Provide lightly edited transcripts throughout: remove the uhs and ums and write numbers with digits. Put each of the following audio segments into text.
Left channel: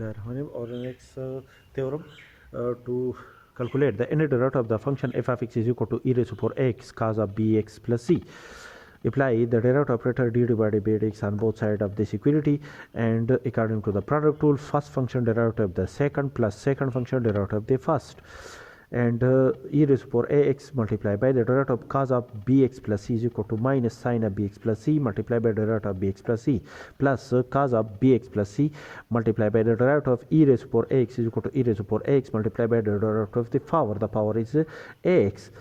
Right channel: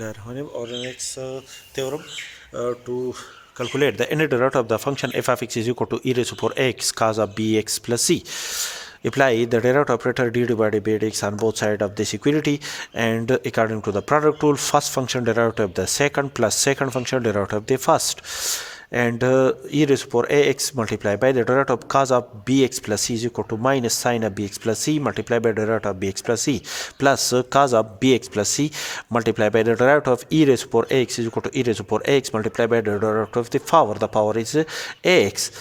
Bismillahirrahmanirrahim. Our next theorem to calculate the inner derivative of the function f of x is equal to e raised to power x cos of bx plus c. Apply the derivative operator d divided by dx on both sides of this equality, and according to the product rule, first function derivative of the second plus second function derivative of the first. And e raised to power ax multiplied by the derivative of cos of bx plus c is equal to minus sine of bx plus c multiplied by the derivative of bx plus c plus cos of bx plus c multiplied by the derivative of e raised to power ax is equal to e raised to power ax multiplied by the derivative of the power. The power is ax,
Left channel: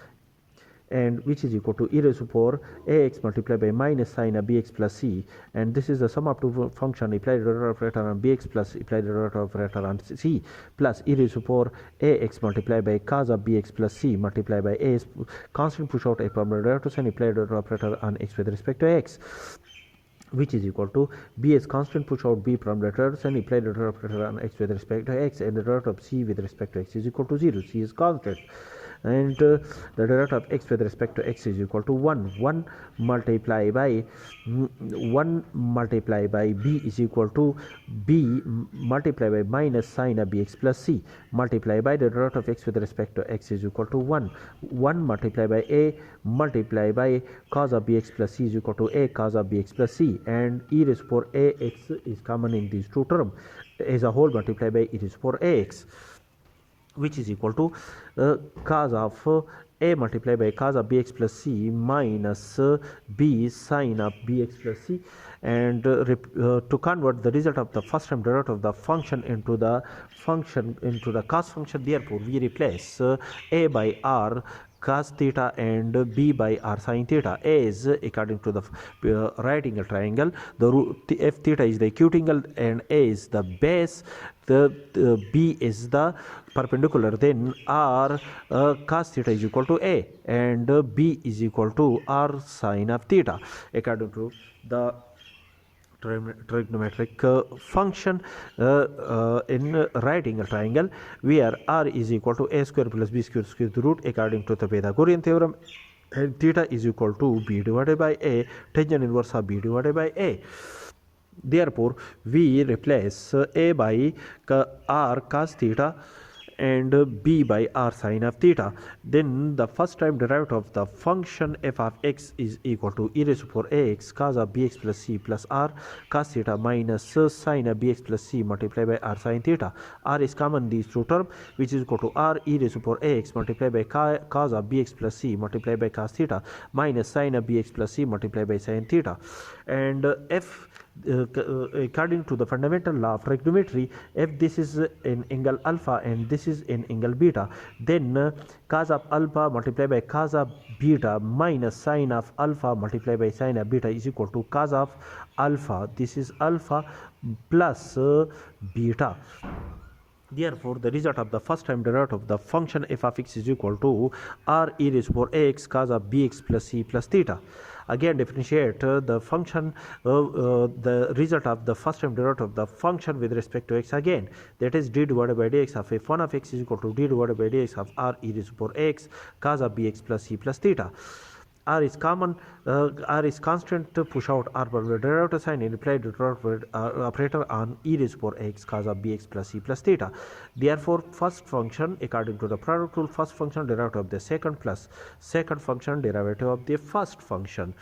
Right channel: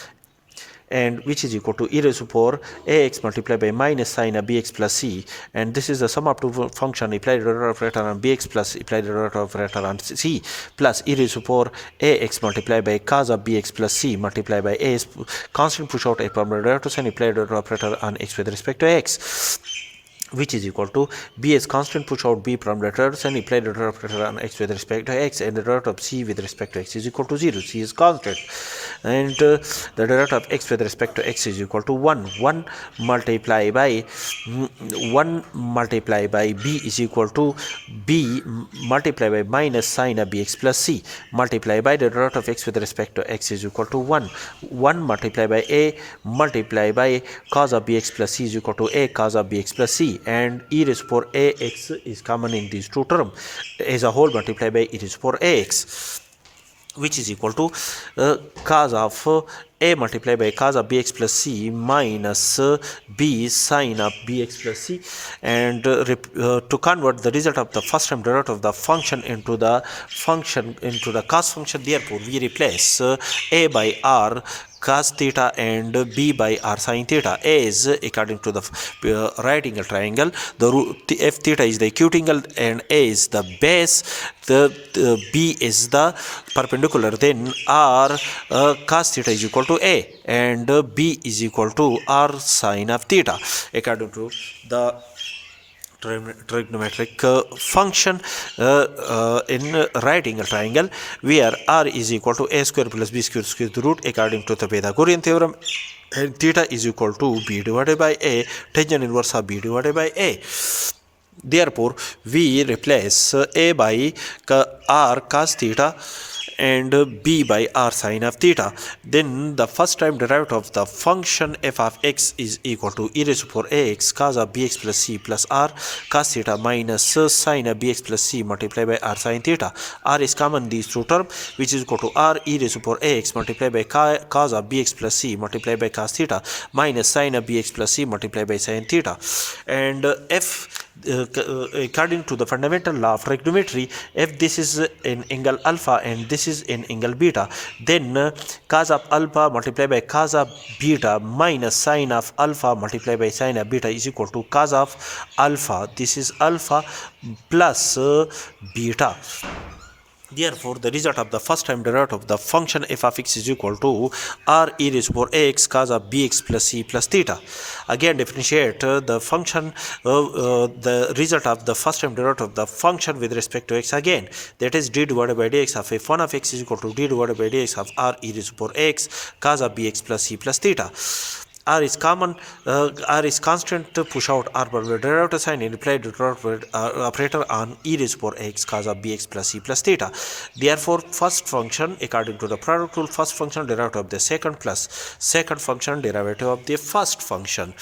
and which is equal to e raised to power ax multiplied by minus sine of bx plus c, and this is the sum of two function applied derivative operator on bx plus applied derivative operator on c plus e raised to power ax multiplied by cos of bx plus c multiplied by a constant push out a permanent derivative and applied derivative operator on x with respect to x, which is equal to b as constant push out b from letters and apply the derivative operator on x with respect to x, and the derivative of c with respect to x is equal to 0. C is constant, and the derivative of x with respect to x is equal to 1 multiplied by 1 multiplied by b is equal to b multiplied by minus sine of bx plus c multiplied by the derivative of x with respect to x is equal to 1 multiplied by a multiplied by cos of bx plus c is equal to a cos of bx plus c, and e raised to power ax is common in these two terms as a whole multiplied by e raised to power ax, which is equal to cos of a multiplied by cos of bx plus c minus b sine of bx plus c, and to convert the result of the first term derivative of the function into the cos function, therefore we replace a by r cos theta and b by r sin theta as according to the right angle triangle. The f theta is the acute angle and a is the base, the b is the perpendicular, then r cos theta is equal to a and b is equal to r sin of theta according to the trigonometric function in right angle triangle, where r is equal to a square plus b square square root according to the Pythagorean theorem, and theta is equal to b divided by a tangent inverse of b divided by a. Therefore we replace a by r cos theta and b by r sin of theta. Then the first time derivative of the function f of x is equal to e raised to power ax cos of bx plus c plus r cos theta minus sin of bx plus c multiplied by r sin theta. R is common in these two terms, which is equal to r e raised to power ax multiplied by cos of bx plus c multiplied by cos theta minus sin of bx plus c multiplied by sin theta. And f according to the fundamental law of trigonometry, if this is in angle alpha and this is in angle beta, then cos of alpha multiplied by cos of beta minus sin of alpha multiplied by sin of beta is equal to cos of alpha, this is alpha, plus beta. Therefore, the result of the first time derivative of the function f of x is equal to r e raised to power ax cos of bx plus c plus theta. Again, differentiate the function, the result of the first time derivative of the function with respect to x again. That is d divided by dx of f1 of x is equal to d divided by dx of r e raised to power x cos of bx plus c plus theta. R is common, R is constant, push out r by the derivative sign and apply the derivative operator on e raised to power x cos of bx plus c plus theta. Therefore, first function according to the product rule, first function derivative of the second plus second function derivative of the first function,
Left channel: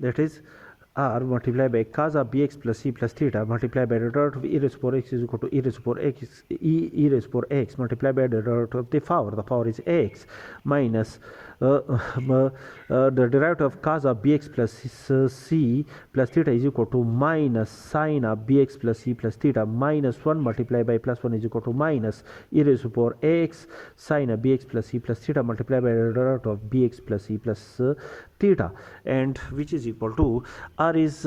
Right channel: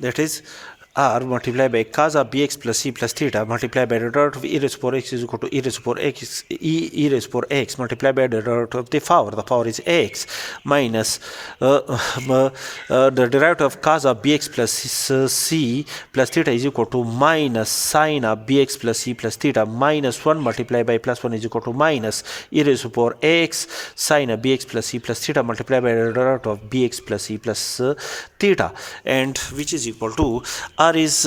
that is r multiplied by cos of bx plus c plus theta multiplied by the derivative of e raised to power x is equal to e raised to power x e raised to power x multiplied by the derivative of the power. The power is x minus the derivative of cos of bx plus c plus theta is equal to minus sine of bx plus c plus theta minus 1 multiplied by plus 1 is equal to minus e raised to power x sine of bx plus c plus theta multiplied by the derivative of bx plus c plus theta, and which is equal to r is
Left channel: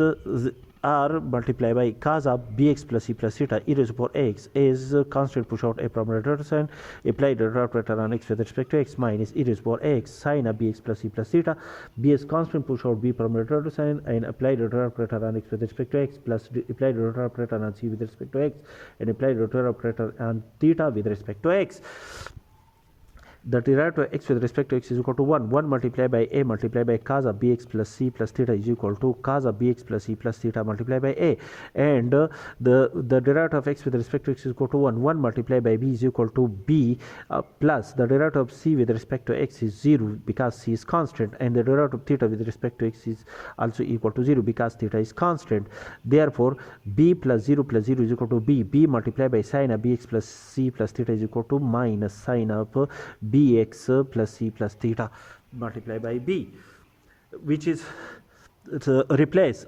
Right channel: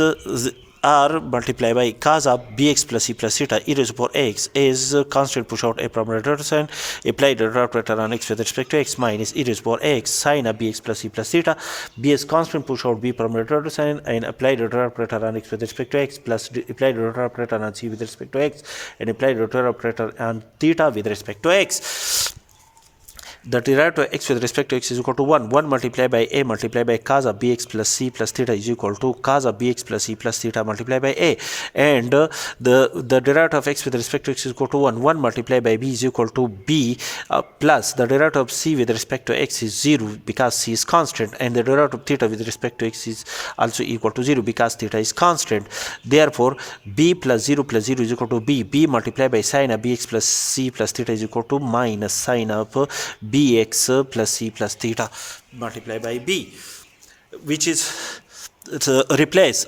r multiplied by cos of bx plus c plus theta e raised to power x is constant push out a permanent derivative and apply the derivative operator on x with respect to x minus e raised to power x sine of bx plus c plus theta. B is constant push out b permanent derivative and apply the derivative operator on x with respect to x plus apply the derivative operator on c with respect to x and apply the derivative operator on theta with respect to x. the derivative of x with respect to x is equal to 1. 1 multiplied by a multiplied by cos of bx plus c plus theta is equal to cos of bx plus c plus theta multiplied by a. And the derivative of x with respect to x is equal to 1. 1 multiplied by b is equal to b plus the derivative of c with respect to x is 0 because c is constant, and the derivative of theta with respect to x is also equal to 0 because theta is constant. Therefore, b plus 0 is equal to b. b multiplied by sine of bx plus c plus theta is equal to minus sine of bx plus c plus theta multiplied by b, which is replace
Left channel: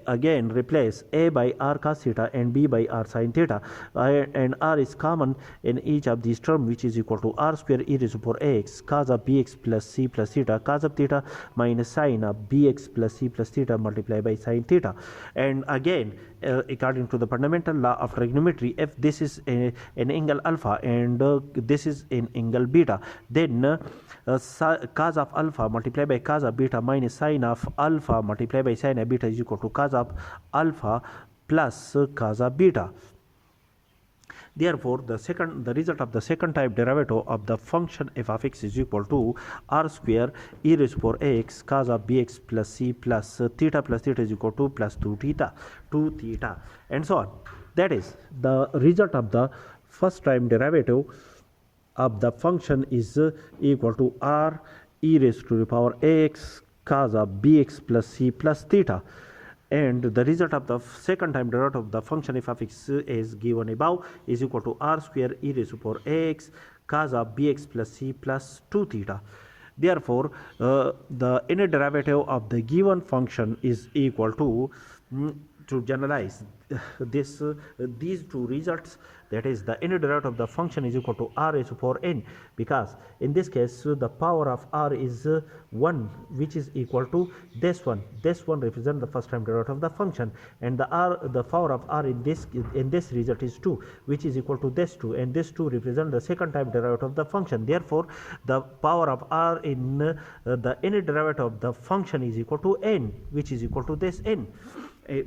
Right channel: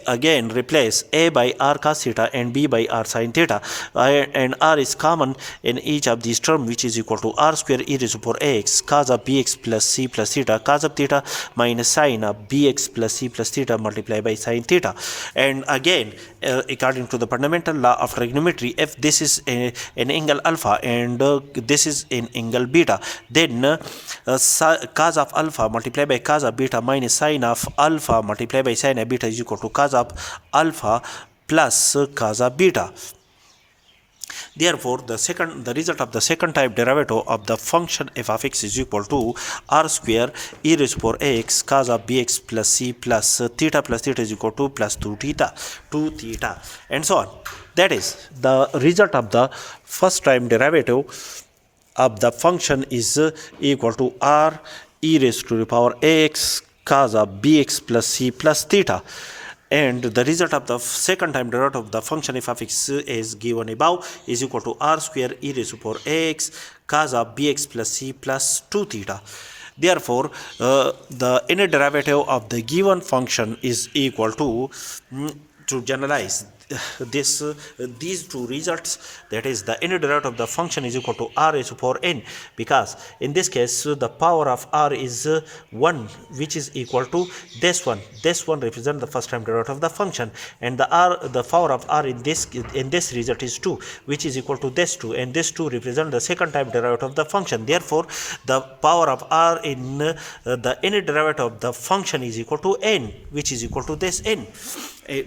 a by r cos theta and b by r sin theta, and r is common in each of these terms, which is equal to r square e raised to power ax cos of bx plus c plus theta cos of theta minus sine of bx plus c plus theta multiplied by sin theta. And again, according to the fundamental law of trigonometry, if this is an angle alpha and this is an angle beta, then cos of alpha multiplied by cos of beta minus sine of alpha multiplied by sine of beta is equal to cos of alpha plus cos of beta. Therefore, the result of the second type derivative of the function f of x is equal to r square e raised to power x cos of bx plus c plus theta is equal to plus 2 theta, and so on. That is, the result of the first time derivative of the function is equal to r e raised to the power x cos of bx plus c plus theta, and the result of the second time derivative of the function f of x is given above is equal to r square e raised to power x cos of bx plus c plus 2 theta. Therefore, the inner derivative of the given function is equal to generalize these two results, that is, the inner derivative of the function is equal to r raised to power n, because in this case the power of r is 1, which is equal to this one represents the first time derivative of the function, and the power of r in this result is 2, which is equal to this 2, and this 2 represents the second time derivative of the function. Therefore, the power of r in the inner derivative of the function is equal to n, which is equal to this n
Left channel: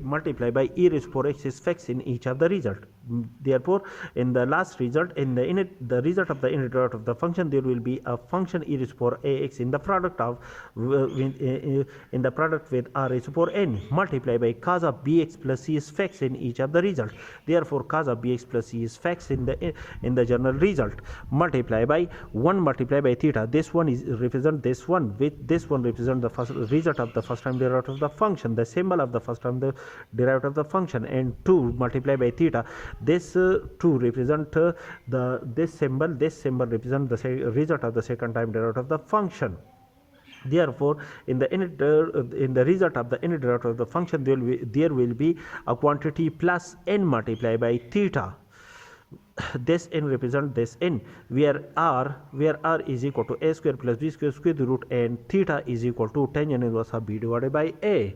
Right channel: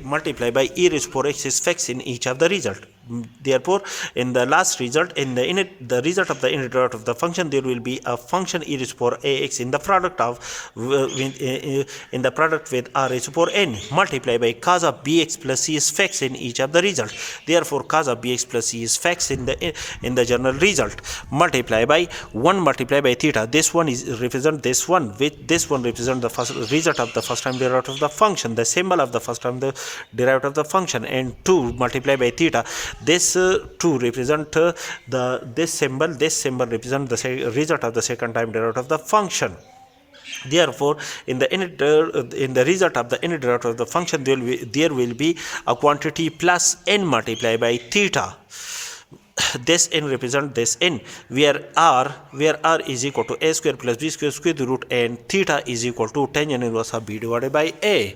multiplied by e raised to power x is fixed in each of the result. Therefore, in the last result, in the result of the inner derivative of the function, there will be a function e raised to power ax in the product with r raised to power n multiplied by cos of bx plus c is fixed in each of the result. Therefore, cos of bx plus c is fixed in the general result multiplied by 1 multiplied by theta. This one is represent this one, with this one represent the first result of the first time derivative of the function, the symbol of the first time the derivative of the function, and 2 multiplied by theta. This 2 represent this symbol represent the result of the second time derivative of the function. Therefore, in the result of the inner derivative of the function, there will be a quantity plus n multiplied by theta. This n represent this n, where r is equal to a square plus b square square root, and theta is equal to tan inverse of b divided by a.